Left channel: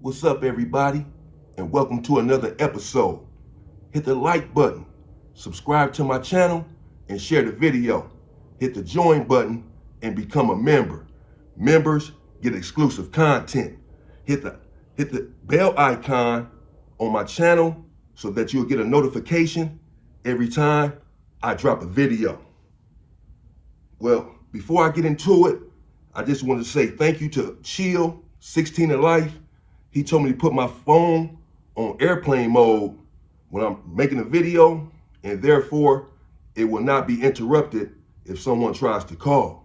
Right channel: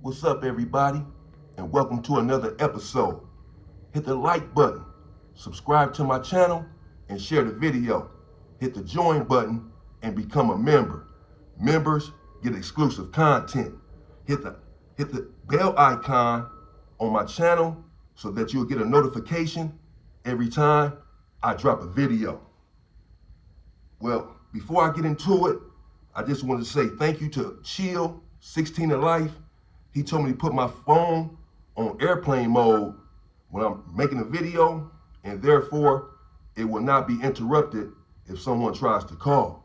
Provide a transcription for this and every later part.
What's up, everybody, and welcome to another episode. Hit the like button, subscribe to my channel, and share the video. Hit the join button and become a member. Members get exclusive content. Hit the bell icon on my channel so that you'll get a notification every time I drop a video. Well, before I get into it, I just want to say thank you to Chill 16 in Life. He told me to put my phone on airplane mode when I'm making a video, and therefore it will not be interrupted if someone tries to call.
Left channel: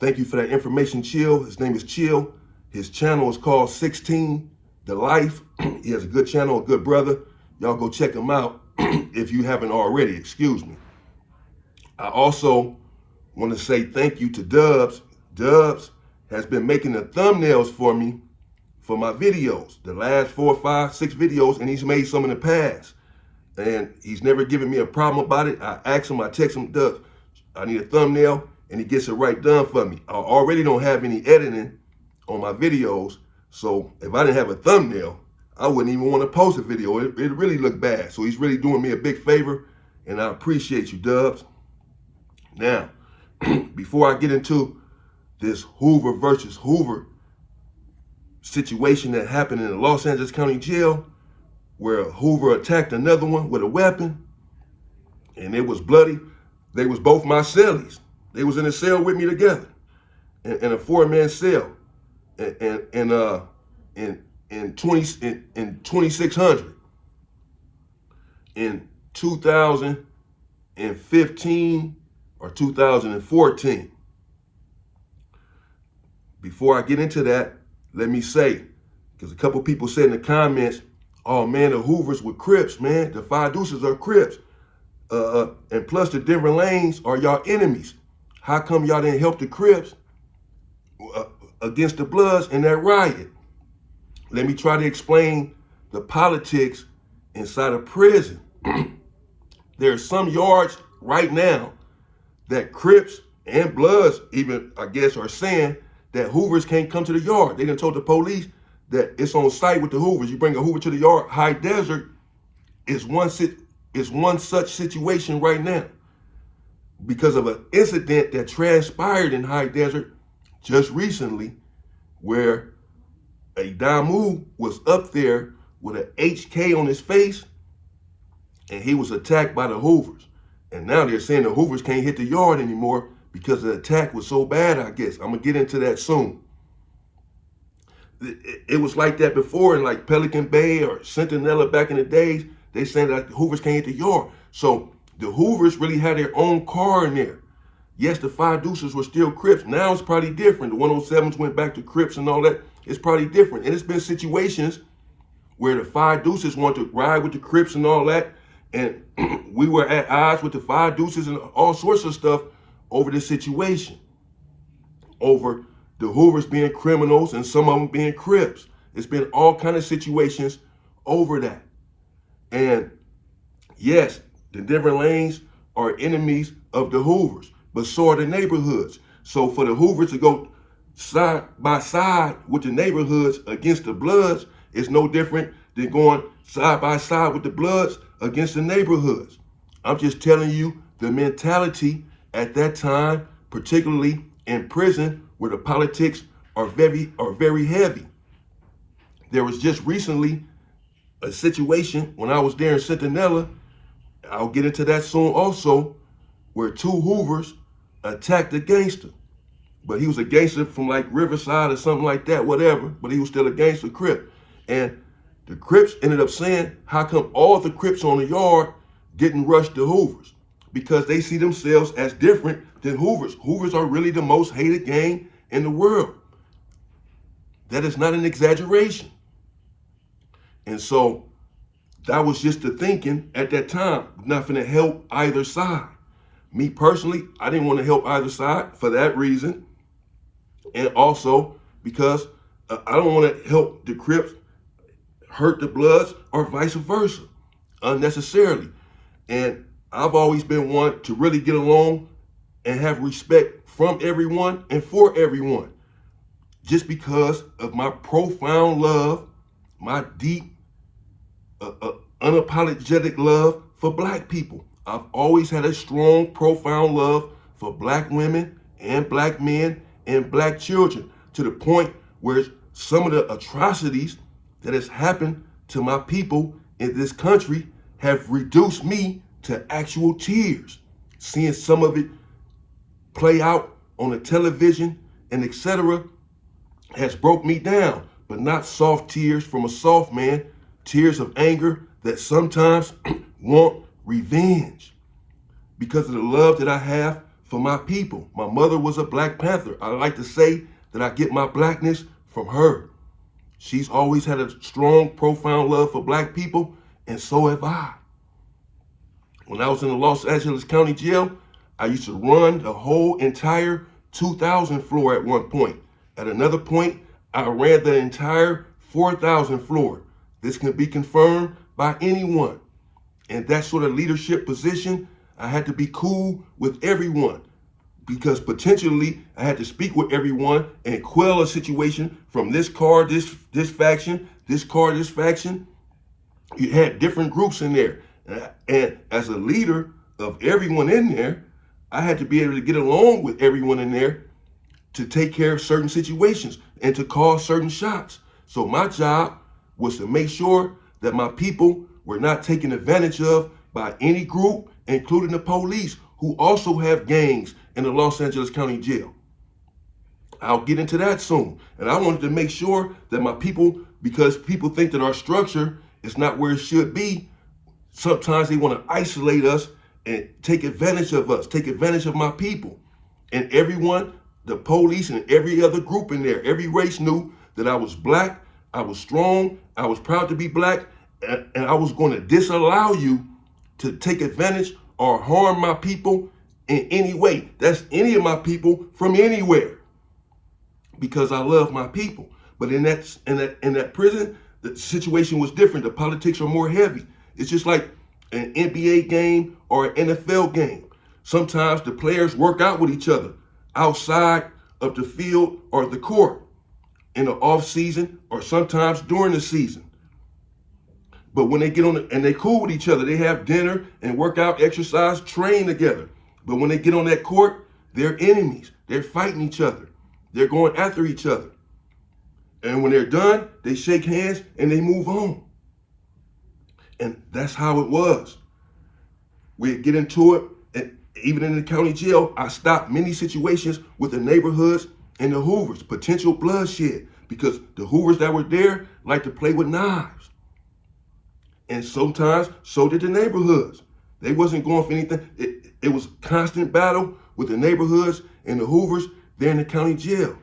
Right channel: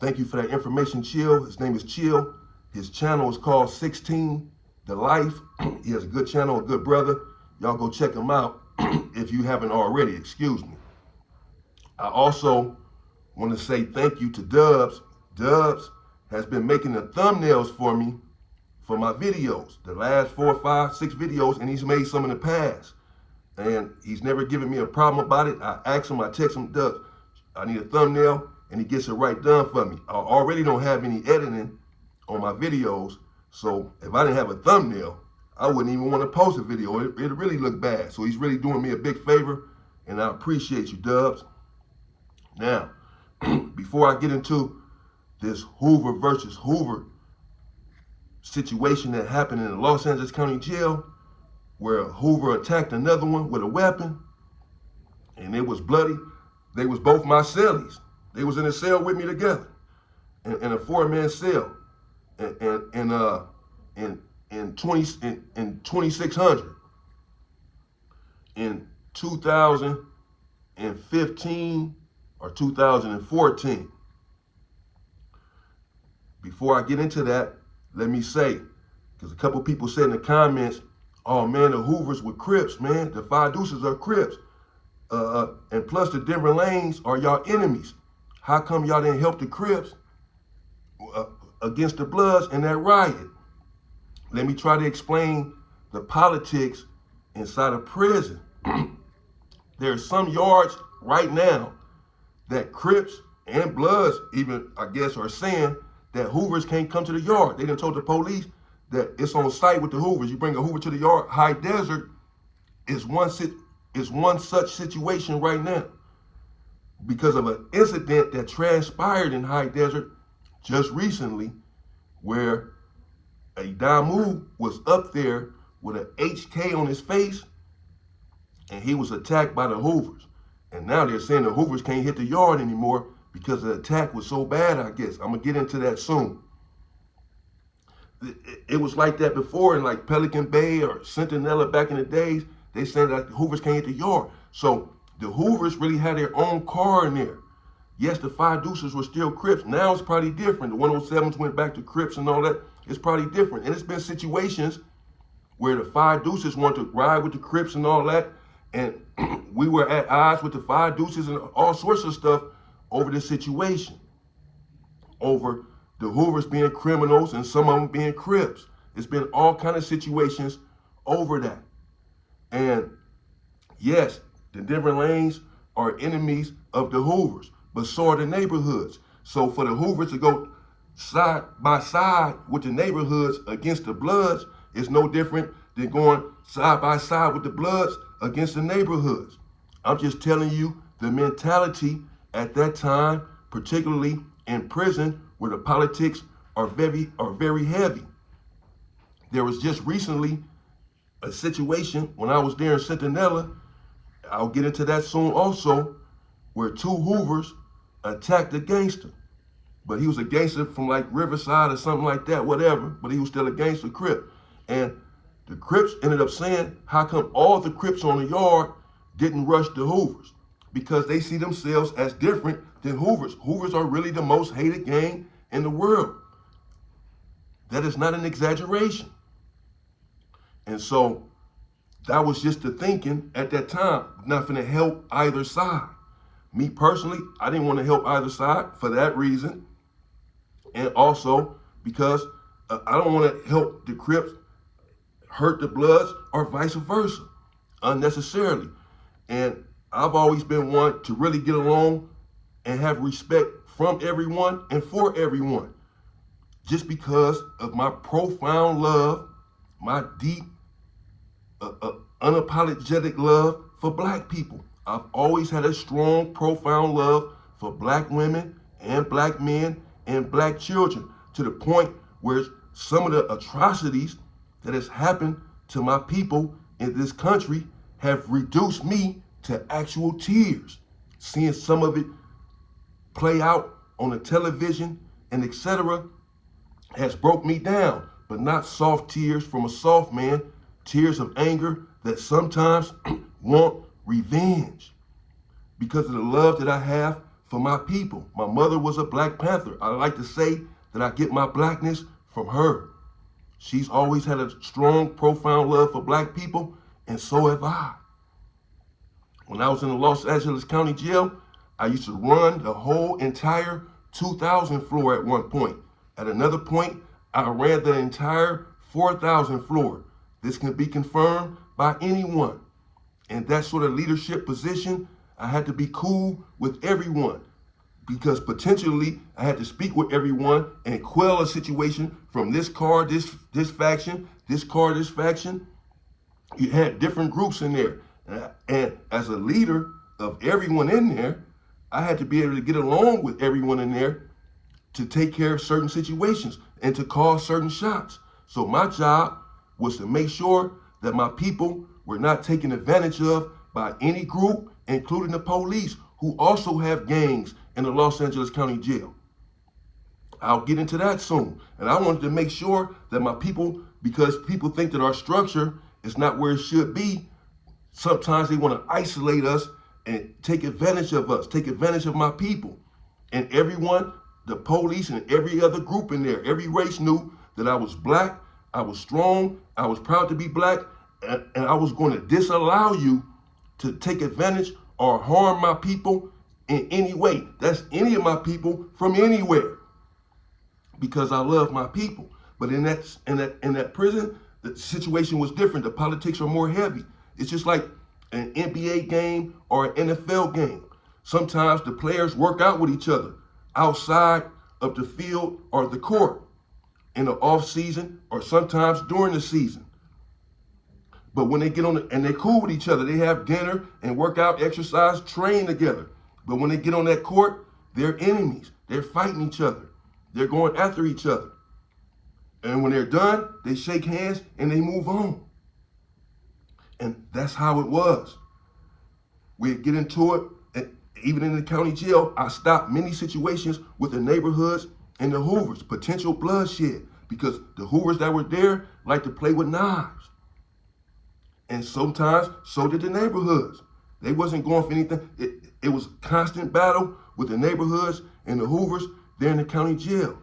Thank you for that information, Chill. His name is Chill. His channel is called 16 The Life. He has a good channel, a good brother. Y'all go check him out if you haven't already, excuse me. I also want to say thank you to Dubs. Dubs has been making the thumbnails for me for my videos, the last 4, 5, 6 videos, and he's made some in the past. And he's never given me a problem about it. I ask him, I text him, Dubs, I need a thumbnail, and he gets it right done for me. I already don't have any editing on my videos, so if I didn't have a thumbnail, I wouldn't even want to post a video. It really looked bad. So he's really doing me a big favor, and I appreciate you, Dubs. Now, before I get into this Hoover versus Hoover situation that happened in the Los Angeles County Jail, where Hoover attacked another one with a weapon, and it was bloody. They was both my cellies. They was in a cell with me together, in a 4-man cell, in 2600 in 2015 or 2014. Before I get into that, let me say, because a couple people said in the comments, oh man, the Hoovers were Crips, man. The 5 Deuces are Crips. And plus the Denver Lanes are y'all enemies. How come y'all didn't help the Crips against the Bloods in that riot? Let me try to explain the politics inside a prison. There are some yards right now that Crips and Bloods even, I guess, are saying that Hoovers can't come to the yard. They done told the police that it's on site with the Hoovers. You bring a Hoover to the yard. High Desert is one such situation right now because of an incident that transpired in High Desert just recently, where a Damu was up there with an HK on his face, and he was attacked by the Hoovers. And now they're saying the Hoovers can't hit the yard anymore because the attack was so bad, I guess. I'm going to get into that soon. It was like that before in like Pelican Bay or Centinela back in the days. They said that the Hoovers can't hit the yard. So the Hoovers really had their own car in there. Yes, the 5 Deuces were still Crips. Now it's probably different. The 107s went back to Crips and all that. It's probably different. And it's been situations where the 5 Deuces want to ride with the Crips and all that. And we were at odds with the 5 Deuces and all sorts of stuff over this situation, over the Hoovers being criminals and some of them being Crips. It's been all kind of situations over that. And yes, the Denver Lanes are enemies of the Hoovers, but so are the neighborhoods. So for the Hoovers to go side by side with the neighborhoods against the Bloods is no different than going side by side with the Bloods against the neighborhoods. I'm just telling you the mentality at that time, particularly in prison, where the politics are very heavy. There was just recently a situation when I was there in Centinela, I'll get into that soon also, where 2 Hoovers attacked a gangster. But he was a gangster from like Riverside or something like that, whatever, but he was still a gangster Crip. And the Crips ended up saying, how come all the Crips on the yard didn't rush the Hoovers? Because they see themselves as different than Hoovers. Hoovers are really the most hated gang in the world. That is not an exaggeration. And so that was just the thinking at that time, not gonna help either side. Me personally, I didn't want to help either side for that reason. And also because I don't want to help the Crips hurt the Bloods or vice versa unnecessarily. And I've always been one to really get along and have respect from everyone and for everyone, just because of my profound love my deep, unapologetic love for black people. I've always had a strong, profound love for black women and black men and black children, to the point where some of the atrocities that has happened to my people in this country have reduced me to actual tears. Seeing some of it play out on the television and etc. has broke me down, but not soft tears from a soft man, tears of anger that sometimes want revenge because of the love that I have for my people. My mother was a Black Panther. I like to say that I get my blackness from her. She's always had a strong, profound love for black people, and so have I. When I was in the Los Angeles County Jail, I used to run the whole entire 2000 floor at one point. At another point, I ran the entire 4000 floor. This can be confirmed by anyone. In that sort of leadership position, I had to be cool with everyone, because potentially I had to speak with everyone and quell a situation from this car, this faction, this car, this faction. You had different groups in there. And as a leader of everyone in there, I had to be able to get along with everyone in there to take care of certain situations and to call certain shots. So my job was to make sure that my people were not taken advantage of by any group, including the police, who also have gangs in the Los Angeles County Jail. I'll get into that soon. And I wanted to make sure that my people, because people think that our structure is not where it should be, sometimes they want to isolate us and take advantage of us, take advantage of my people. And everyone, the police and every other group in there, every race knew that I was black, I was strong, I was proud to be black, and I was going to disallow you to take advantage or harm my people in any way. That's any of my people from anywhere, because I love my people. But in that prison, the situation was different. The politics are more heavy. It's just like an NBA game or an NFL game. Sometimes the players work out with each other outside of the field or the court in the off season, or sometimes during the season. But when they get on and they cool with each other, they have dinner and work out, exercise, train together. But when they get on that court, they're enemies. They're fighting each other. They're going after each other. And when they're done, they shake hands and they move on. And that's how it was. We'd get into it, and even in the county jail, I stopped many situations with the neighborhoods and the Hoovers, potential bloodshed, because the Hoovers that were there like to play with knives. And sometimes, so did the neighborhoods. They wasn't going for anything. It was constant battle with the neighborhoods and the Hoovers there in the county jail.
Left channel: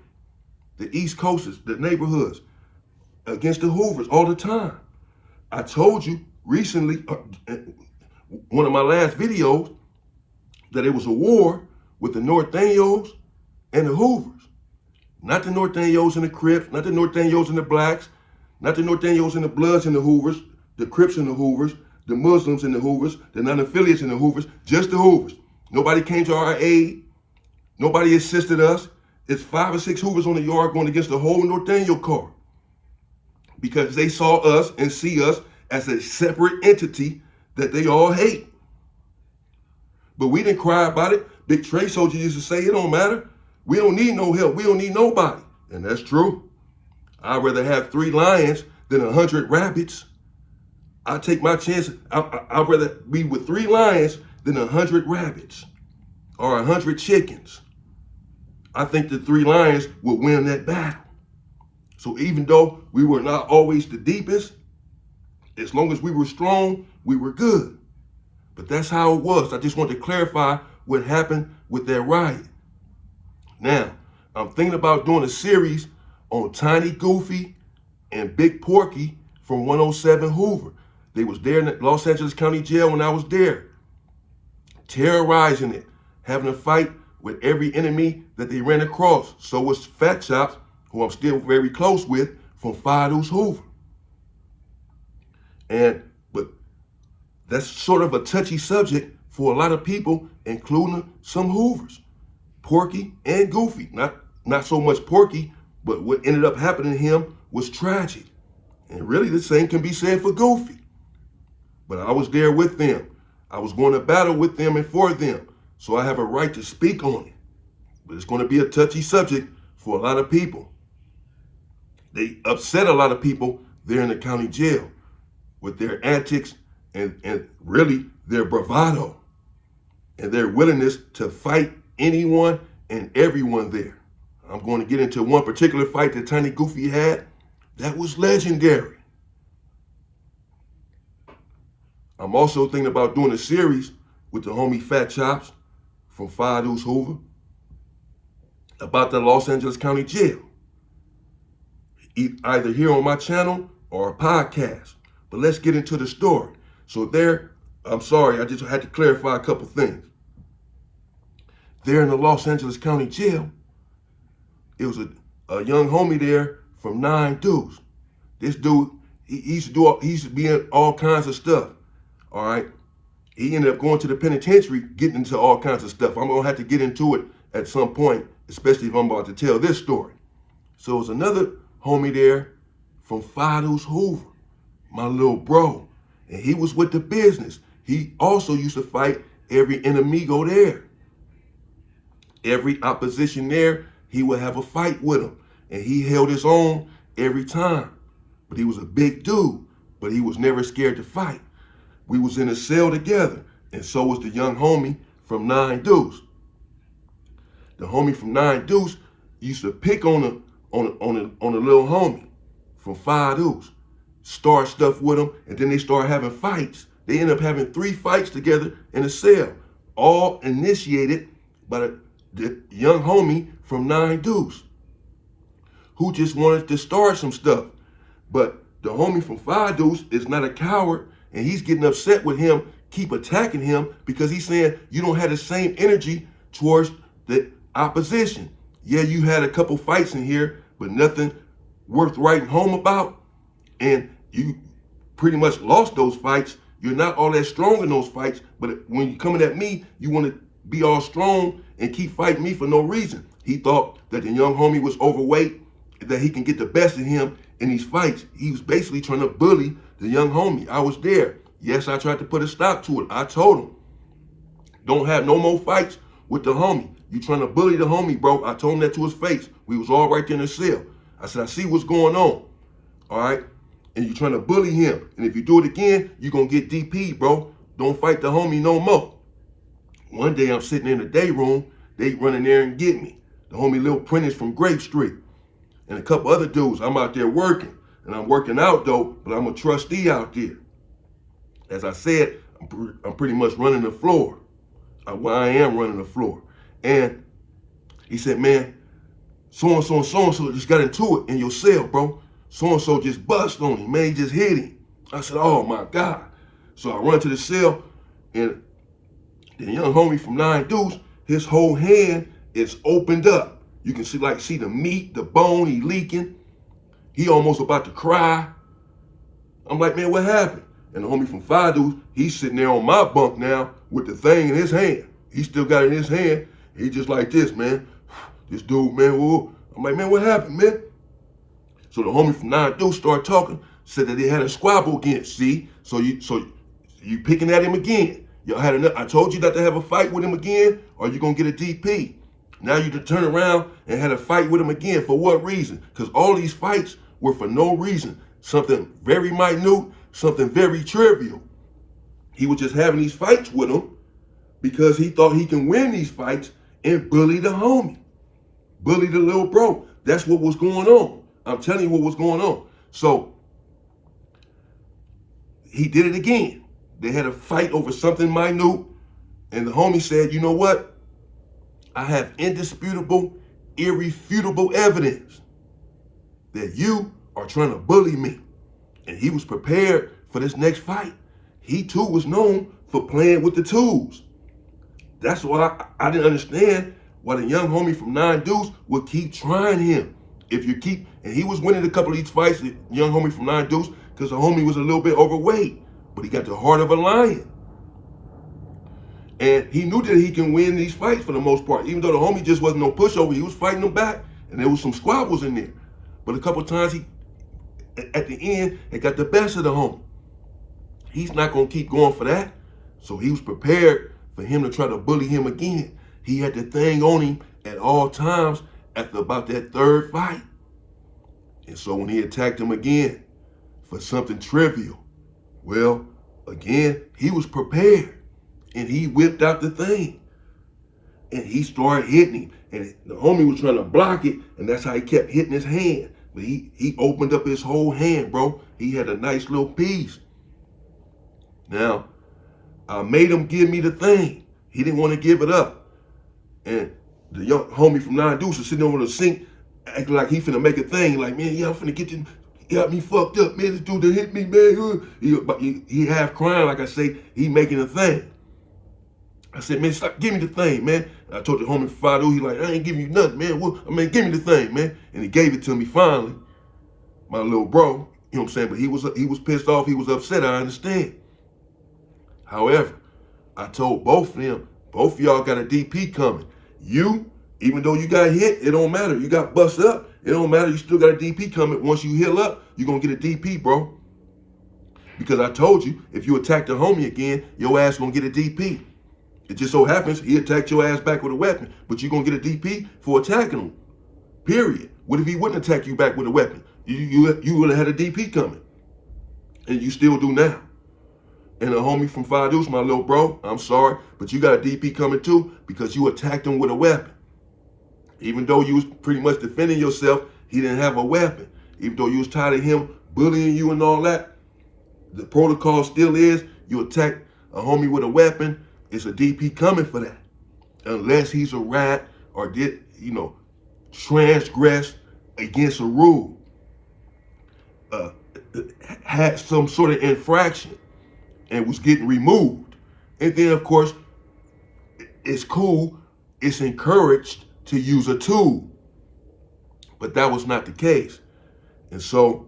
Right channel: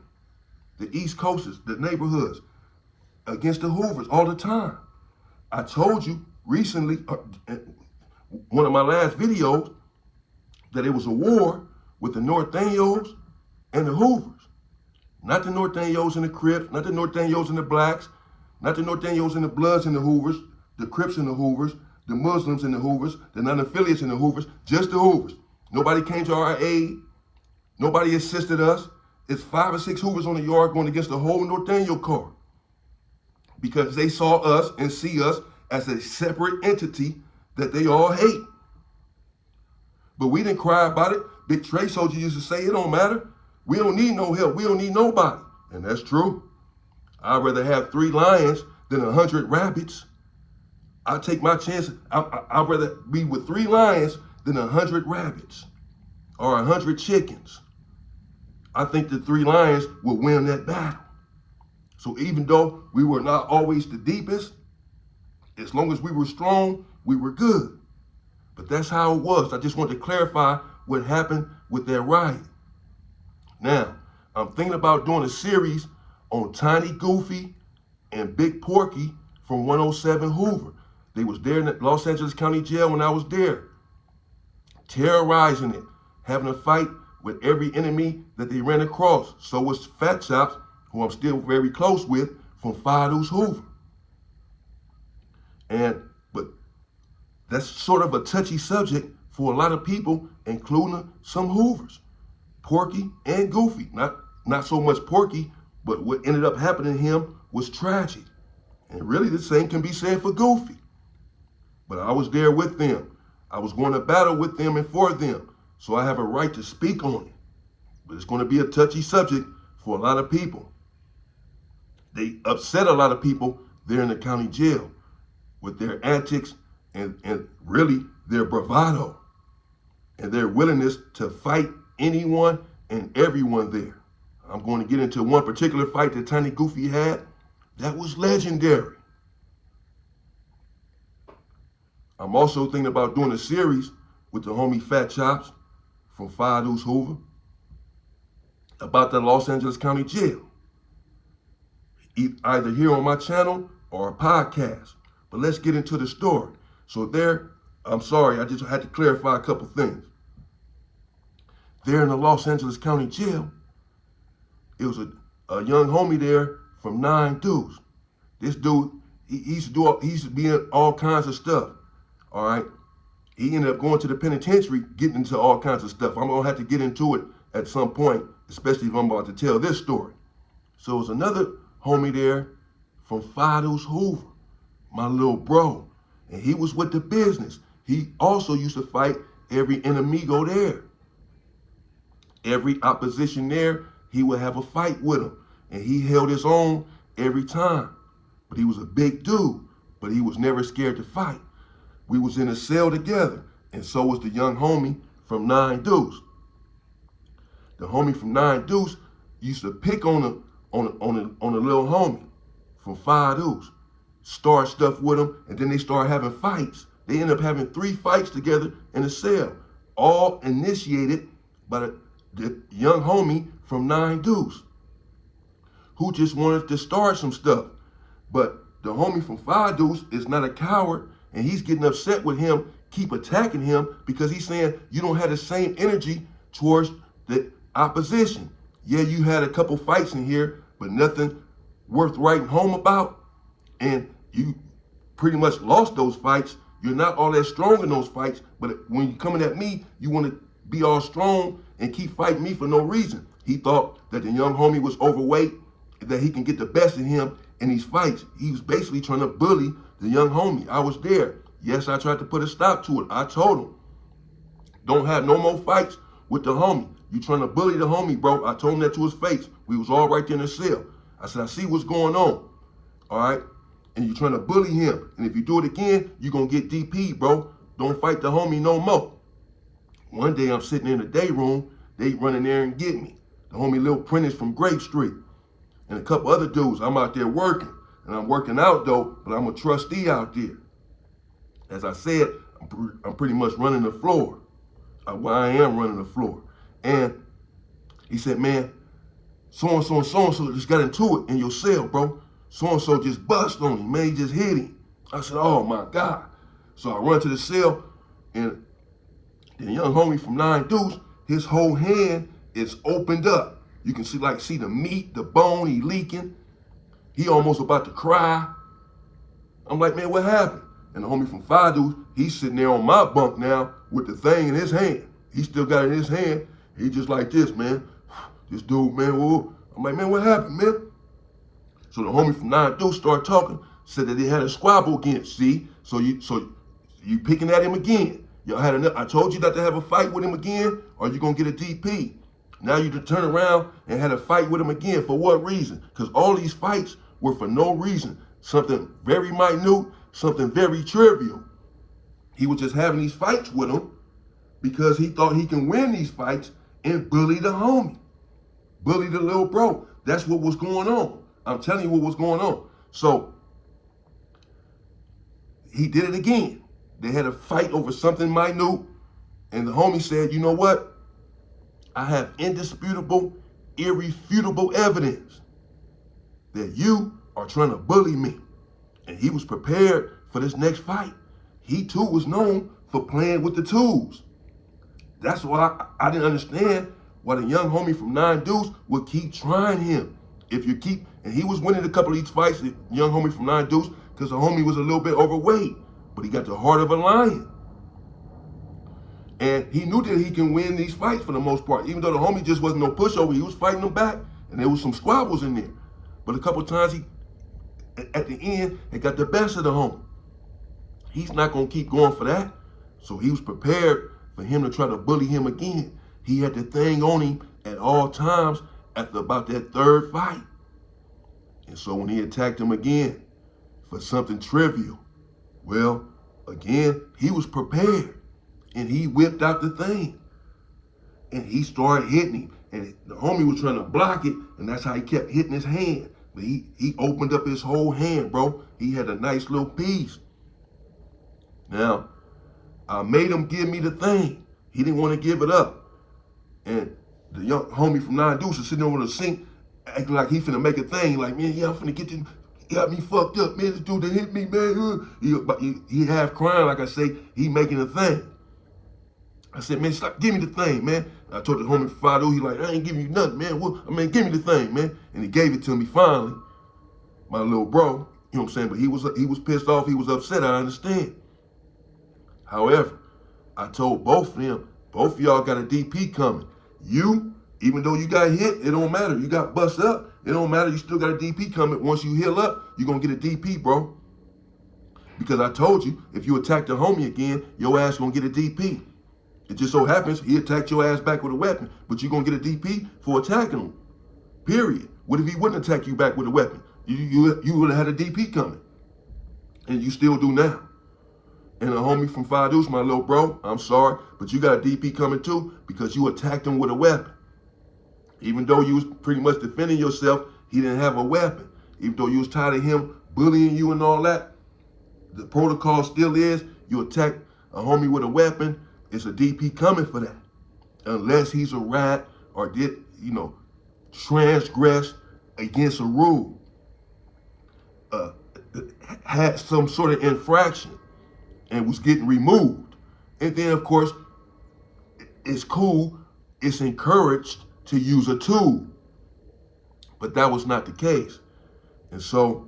The East Coasters, the neighborhoods, against the Hoovers all the time. I told you recently, one of my last videos, that it was a war with the Norteños and the Hoovers. Not the Norteños and the Crips, not the Norteños and the Blacks, not the Norteños and the Bloods and the Hoovers, the Crips and the Hoovers, the Muslims and the Hoovers, the non-affiliates and the Hoovers, just the Hoovers. Nobody came to our aid. Nobody assisted us. It's 5 or 6 Hoovers on the yard going against the whole Norteño car, because they saw us and see us as a separate entity that they all hate. But we didn't cry about it. Big Trey Soldier used to say, it don't matter. We don't need no help. We don't need nobody. And that's true. I'd rather have 3 lions than 100 rabbits. I take my chance. I'd rather be with 3 lions than 100 rabbits or 100 chickens. I think the 3 lions will win that battle. So even though we were not always the deepest, as long as we were strong, we were good. But that's how it was. I just want to clarify what happened with that riot. Now, I'm thinking about doing a series on Tiny Goofy and Big Porky from 107 Hoover. They was there in the Los Angeles County Jail when I was there, terrorizing it, having a fight with every enemy that they ran across. So was Fat Chops, who I'm still very close with, from Fido's Hoover. But that's sort of a touchy subject for a lot of people, including some Hoovers, Porky and Goofy. Not so much Porky, but what ended up happening to him was tragic. And really the same can be said for Goofy. But I was there with them. I was going to battle with them and for them. So I have a right to speak on it. But it's going to be a touchy subject for a lot of people. They upset a lot of people there in the county jail with their antics and really their bravado and their willingness to fight anyone and everyone there. I'm going to get into one particular fight that Tiny Goofy had that was legendary. I'm also thinking about doing a series with the homie Fat Chops from 5 Deuce Hoover about the Los Angeles County Jail. Either here on my channel or a podcast. But let's get into the story. So there, I'm sorry, I just had to clarify a couple things. There in the Los Angeles County Jail, it was a young homie there from 9 Deuce. This dude, he used to be in all kinds of stuff. All right. He ended up going to the penitentiary, getting into all kinds of stuff. I'm gonna have to get into it at some point, especially if I'm about to tell this story. So it was another homie there from 5 Deuce Hoover, my little bro. And he was with the business. He also used to fight every enemigo there. Every opposition there, he would have a fight with him. And he held his own every time. But he was a big dude, but he was never scared to fight. We was in a cell together, and so was the young homie from 9 Deuce. The homie from 9 Deuce used to pick on a little homie from 5 Deuce, start stuff with him, and then they start having fights. They end up having 3 fights together in a cell, all initiated by the young homie from 9 Deuce, who just wanted to start some stuff. But the homie from 5 Deuce is not a coward, and he's getting upset with him, keep attacking him, because he's saying you don't have the same energy towards the opposition. Yeah, you had a couple fights in here, but nothing worth writing home about. And you pretty much lost those fights. You're not all that strong in those fights, but when you're coming at me, you want to be all strong and keep fighting me for no reason. He thought that the young homie was overweight, that he can get the best of him in these fights. He was basically trying to bully the young homie. I was there. Yes, I tried to put a stop to it. I told him, don't have no more fights with the homie. You trying to bully the homie, bro. I told him that to his face. We was all right there in the cell. I said, I see what's going on. All right? And you trying to bully him. And if you do it again, you're going to get DP, bro. Don't fight the homie no more. One day I'm sitting in the day room. They run in there and get me. The homie Lil Prentice from Grape Street. And a couple other dudes. I'm out there working. And I'm working out, though, but I'm a trustee out there. As I said, I'm pretty much running the floor. I am running the floor. And he said, man, so-and-so and so-and-so just got into it in your cell, bro. So-and-so just bust on him, man. He just hit him. I said, oh, my God. So I run to the cell, and the young homie from 9 Deuce, his whole hand is opened up. You can see the meat, the bone, he leaking. He almost about to cry. I'm like, man, what happened? And the homie from 5 Deuce, he's sitting there on my bunk now with the thing in his hand. He still got it in his hand. He just like this, man. This dude, man, whoa. I'm like, man, what happened, man? So the homie from 9 Deuce started talking, said that they had a squabble again. See? So you picking at him again. Y'all had enough. I told you not to have a fight with him again, or you're gonna get a DP. Now you turn around and had a fight with him again. For what reason? Because all these fights were for no reason. Something very minute, something very trivial. He was just having these fights with him because he thought he can win these fights and bully the homie. Bully the little bro. That's what was going on. I'm telling you what was going on. So he did it again. They had a fight over something minute, and the homie said, you know what? I have indisputable, irrefutable evidence that you are trying to bully me. And he was prepared for this next fight. He too was known for playing with the tools. That's why I didn't understand why the young homie from 9 Deuce would keep trying him. And he was winning a couple of these fights, the young homie from 9 Deuce, because the homie was a little bit overweight, but he got the heart of a lion. And he knew that he can win these fights for the most part, even though the homie just wasn't no pushover. He was fighting them back, and there was some squabbles in there. But a couple of times at the end, it got the best of the homie. He's not going to keep going for that. So he was prepared for him to try to bully him again. He had the thing on him at all times after about that third fight. And so when he attacked him again for something trivial, well, again, he was prepared. And he whipped out the thing. And he started hitting him. And the homie was trying to block it, and that's how he kept hitting his hand. But he opened up his whole hand, bro. He had a nice little piece. Now, I made him give me the thing. He didn't want to give it up. And the young homie from Nine Deuce was sitting over the sink, acting like he finna make a thing. Like, man, yeah, I'm finna get this. He got me fucked up, man. This dude that hit me, man. He half crying, like I say, he making a thing. I said, man, stop, give me the thing, man. I told the homie Fadu, he like, I ain't giving you nothing, man. Give me the thing, man. And he gave it to me finally, my little bro. You know what I'm saying? But he was pissed off. He was upset. I understand. However, I told both of them, both of y'all got a DP coming. You, even though you got hit, it don't matter. You got bust up, it don't matter. You still got a DP coming. Once you heal up, you're going to get a DP, bro. Because I told you, if you attack the homie again, your ass going to get a DP. It just so happens he attacked your ass back with a weapon, but you're going to get a DP for attacking him, period. What if he wouldn't attack you back with a weapon? You would have had a DP coming, and you still do now. And a homie from Five Deuce, my little bro, I'm sorry, but you got a DP coming too because you attacked him with a weapon. Even though you was pretty much defending yourself, he didn't have a weapon. Even though you was tired of him bullying you and all that, the protocol still is you attack a homie with a weapon, it's a DP coming for that. Unless he's a rat or did, transgress against a rule, had some sort of infraction and was getting removed. And then, of course, it's cool, it's encouraged to use a tool. But that was not the case. And so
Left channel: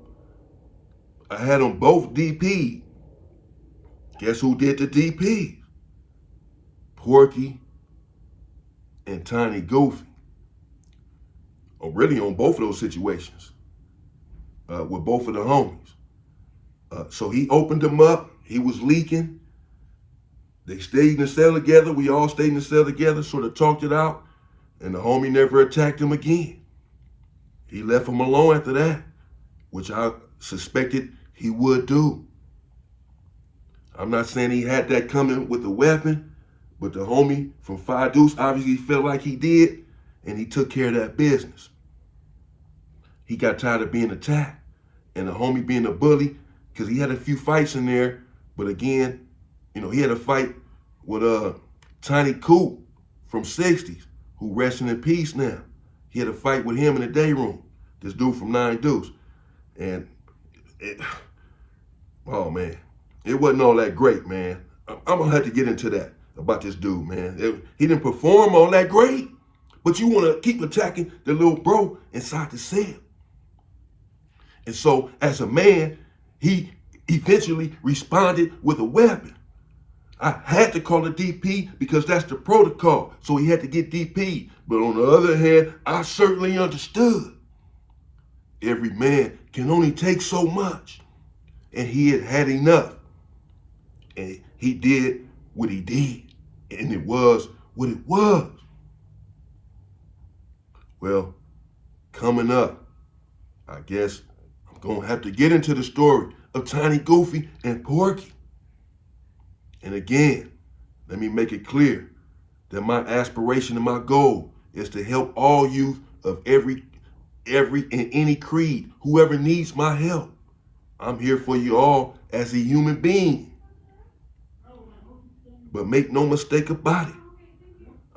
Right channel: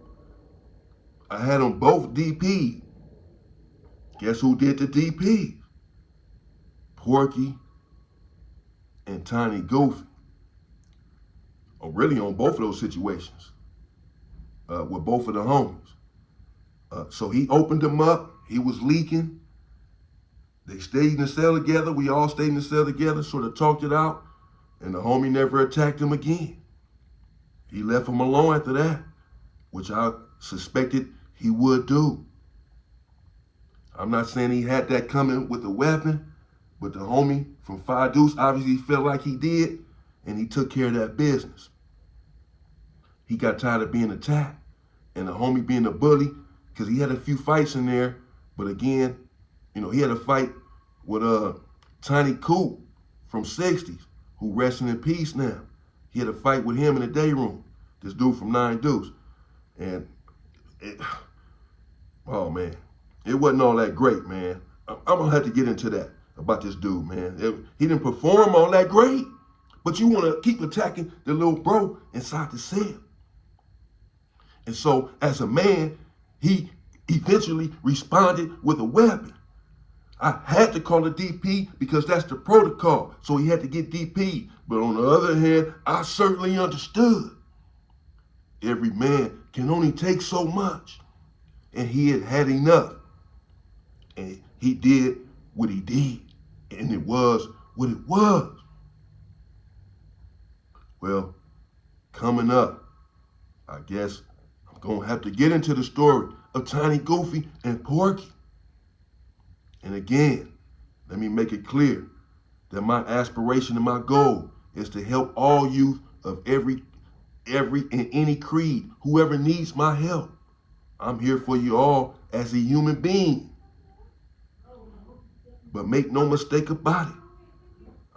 I had them both DP. Guess who did the DP? Porky and Tiny Goofy. Or really on both of those situations with both of the homies. So he opened them up. He was leaking. They stayed in the cell together. We all stayed in the cell together, sort of talked it out. And the homie never attacked him again. He left him alone after that, which I suspected he would do. I'm not saying he had that coming with a weapon, but the homie from Five Deuce obviously felt like he did, and he took care of that business. He got tired of being attacked, and the homie being a bully, because he had a few fights in there, but again, he had a fight with Tiny Coop from 60s, who resting in peace now. He had a fight with him in the day room, this dude from Nine Deuce. And oh man, it wasn't all that great, man. I'm gonna have to get into that about this dude, man. He didn't perform all that great, but you wanna keep attacking the little bro inside the cell. And so as a man, he eventually responded with a weapon. I had to call a DP because that's the protocol. So he had to get DP. But on the other hand, I certainly understood. Every man can only take so much. And he had had enough. And he did what he did. And it was what it was. Well, coming up, I guess I'm going to have to get into the story of Tiny Goofy and Porky. And again, let me make it clear that my aspiration and my goal is to help all youth of every and any creed, whoever needs my help. I'm here for you all as a human being. But make no mistake about it.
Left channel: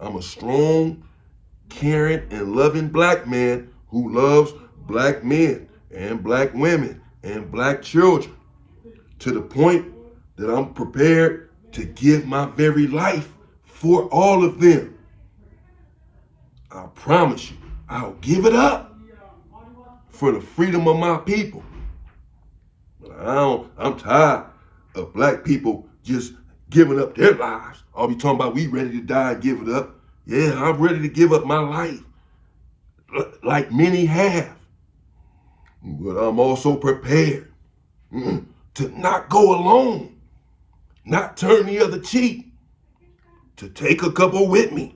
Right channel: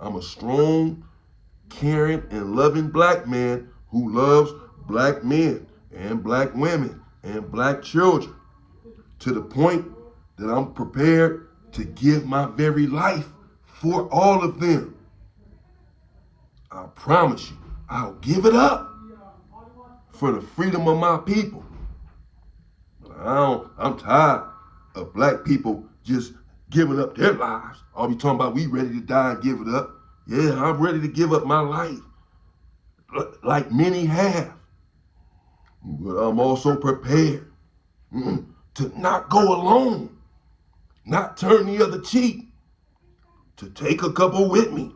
I'm a strong, caring, and loving black man who loves black men and black women and black children to the point that I'm prepared to give my very life for all of them. I promise you, I'll give it up for the freedom of my people. But I'm tired of black people just giving up their lives. I'll be talking about we ready to die and give it up. Yeah, I'm ready to give up my life, like many have. But I'm also prepared to not go alone, not turn the other cheek, to take a couple with me.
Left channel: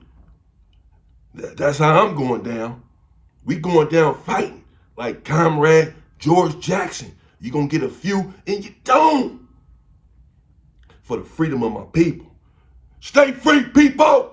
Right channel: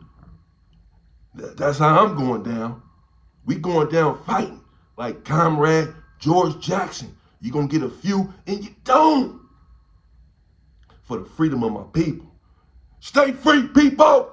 That's how I'm going down. We going down fighting like Comrade George Jackson. You gonna get a few and you don't. For the freedom of my people. Stay free, people!